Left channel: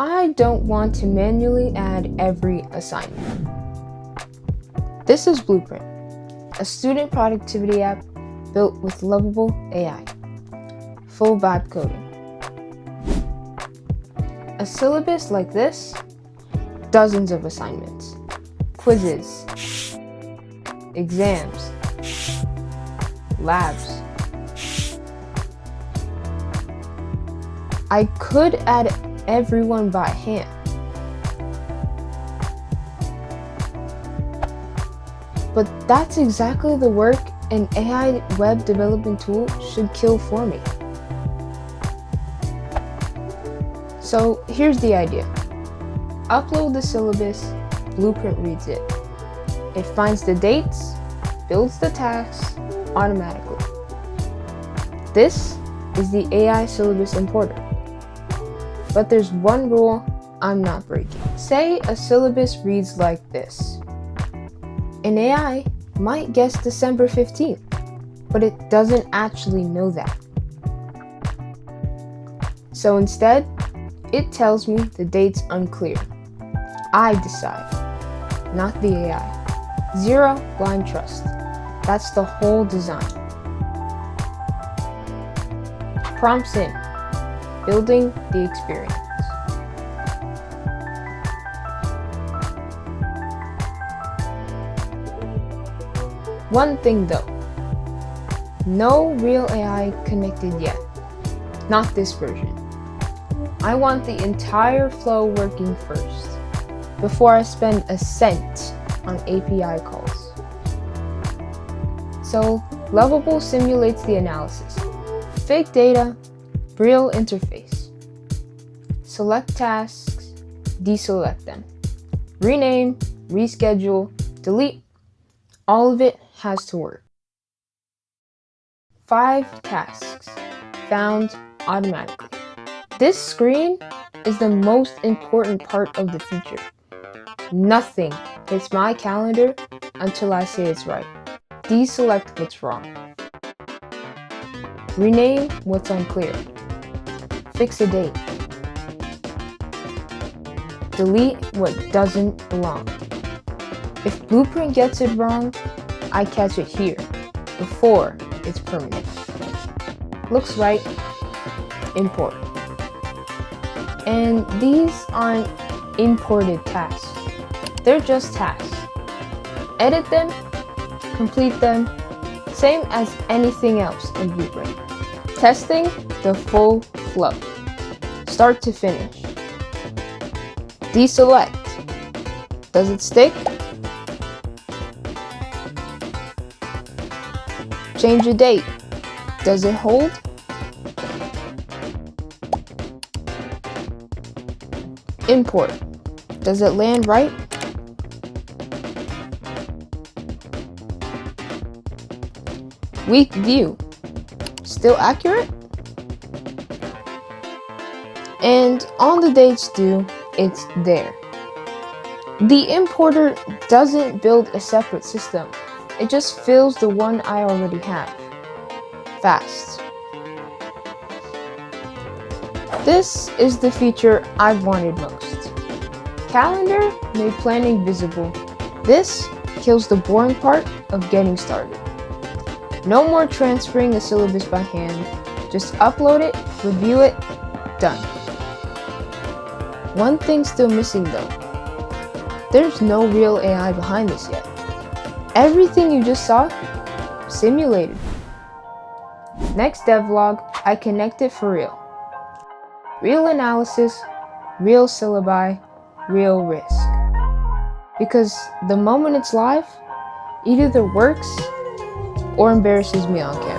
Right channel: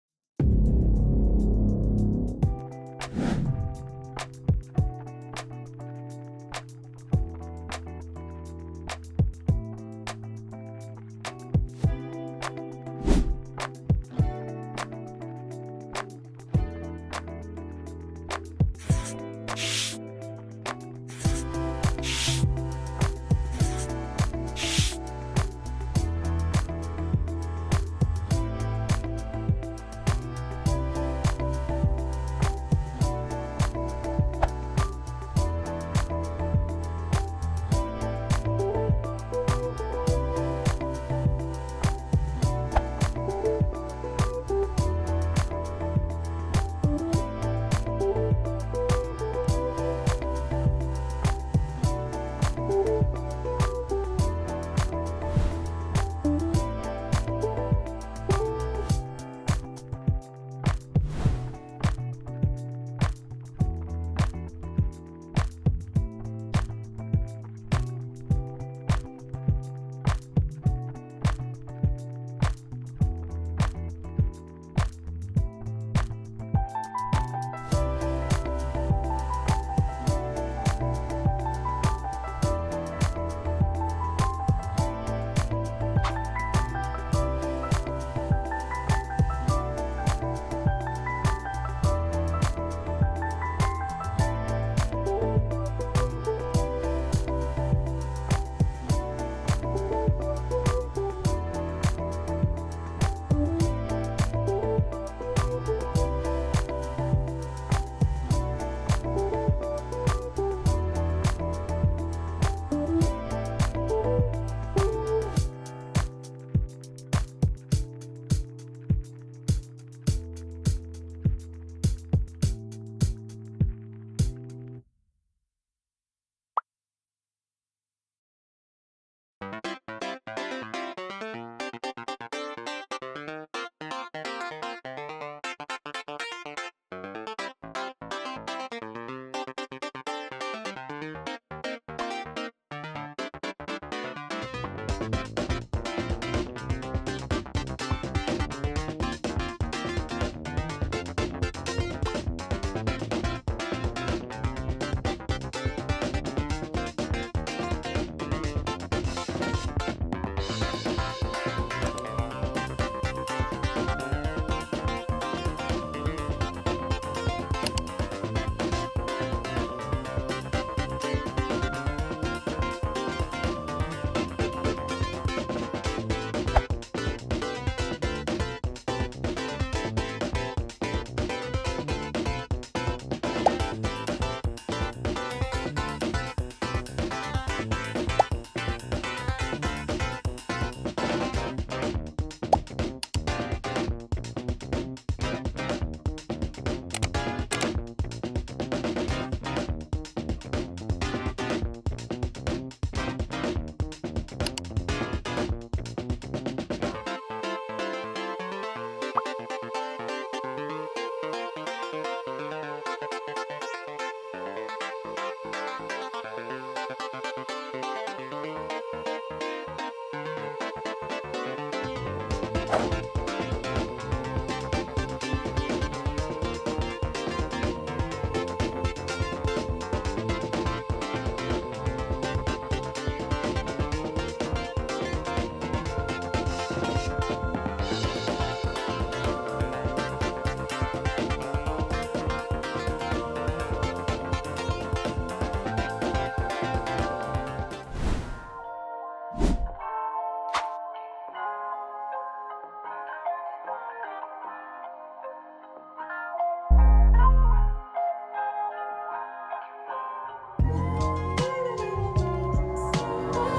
I don't want to manually add every assignment. This is Bluprnt, a student productivity app built with Lovable AI. Full vibe coding. A syllabus like this, dozens of assignments, quizzes, exams, labs. I could add everyone by hand. But that's exactly the work an AI web development tool should kill for me. So here's the idea. Upload the syllabus, Bluprnt reads it. It finds the dates, builds the tasks automatically. This is the AI Syllabus Importer. But there's one rule I'm not breaking. Say a syllabus reads like this. An AI might guess December 15th, but it doesn't actually know that. So instead, it tells me the date's unclear. I decide, not the AI. Zero blind trust. That's the whole design. Prompts in, building the experience. One thing though, no real AI connected yet. Not this version. I want the entire flow working first, before I spend a cent on API calls. So, Lovable simulates the analysis. Fake data, real interface. Select tasks, deselect them. Rename, reschedule, delete. All of it has to work. 5 tasks, found automatically. This screen is the most important part of the feature. Nothing hits my calendar until I say it's right. Deselect what's wrong. Rename what's unclear. Fix a date. Delete what doesn't belong. If Bluprnt gets it wrong, I catch it here, before it's permanent. Looks right, import. And these aren't imported tasks. They're just tasks. Edit them, complete them, same as anything else in Bluprnt. Testing the full flow, start to finish. Deselect. Does it stick? Change a date. Does it hold? Import. Does it land right? Weak view. Still accurate? And on the dates due, it's there. The importer doesn't build a separate system. It just fills the one I already have. Fast. This is the feature I've wanted most. Calendar made planning visible. This kills the boring part of getting started. No more transferring a syllabus by hand. Just upload it, review it, done. One thing's still missing though. There's no real AI behind this yet. Everything you just saw, simulated. Next devlog, I connect it for real. Real analysis, real syllabi, real risk. Because the moment it's live, it either works or embarrasses me on camera.